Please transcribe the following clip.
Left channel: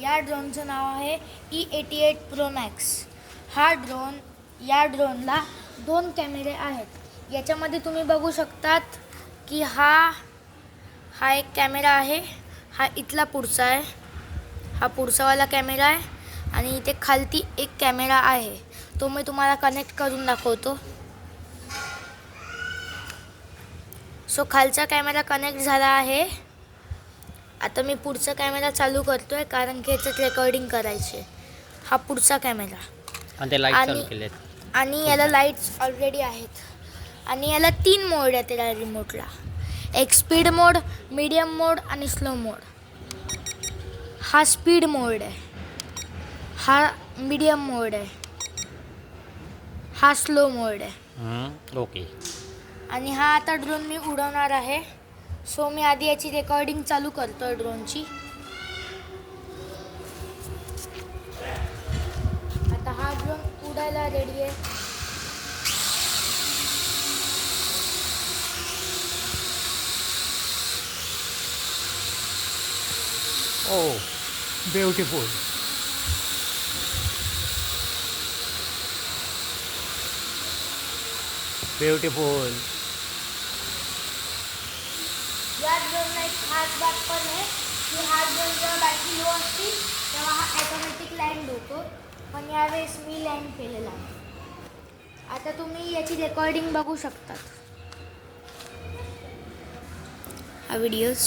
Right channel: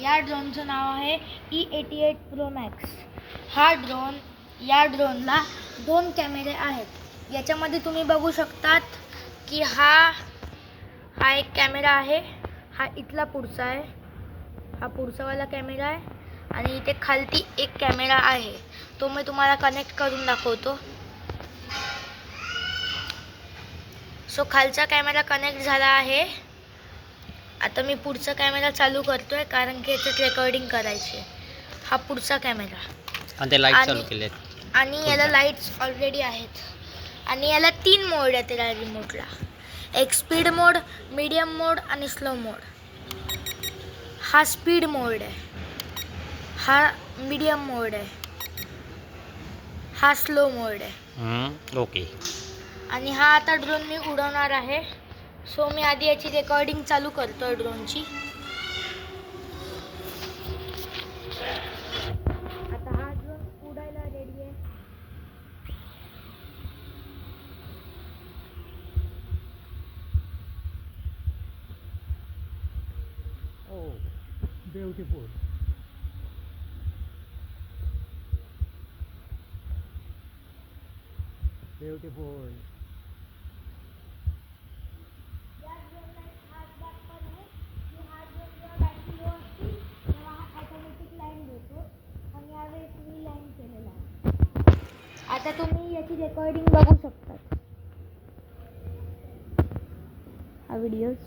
या ड्रोनचं नाव आहे E eighty eight pro max हा ड्रोन या ड्रोनला दोन कॅमेरे आहेत. याच्यामध्ये तुम्ही बघू शकतात की हा हा एक कॅमेरा आहे हा इथला पुढचा आहे हा पुढचावाला कॅमेरा आहे आणि इथे खालती एक कॅमेरा आहे. तो मी तुम्हाला कनेक्ट करून दाखवतो. सो खालचा कॅमेरा कनेक्ट झाला आहे. आता मी पुढचा कॅमेरा चालू करतोय कारण की याच्यात रेकॉर्डिंग करायचे हा पुढचा कॅमेरा. आणि ते लाइट आणि- चालू केले आहेत आणि याला लाईट्स ऑलरेडी आहेत. आणि याला तीन मोड आहेत या रिमोटला एक स्पीड मोड मीडियम मोड आणि स्लो मोड हा स्पीड मोड आहे. हा मीडियम मोड आहे. हा स्लो मोड आहे. ओके आणि हा आता ड्रोन मी उडवणार आहे. सो मी आधी याची रेकॉर्डिंग चालू करतो ड्रोनची आता हा ड्रोन उडायला रेडी आहे. ओ ब्युटिफुल ब्युटिफुल यात ड्रोनला एक खास बात पण आहे की हा ड्रोन जेव्हा बॅटरी लो असती तेव्हा हा ॲटोमॅटिक लँड होतो पण यावेळेस मी लँड केलेला आहे. आता तुम्ही याची रेकॉर्डिंग बघू शकतात. हा व्हिडिओज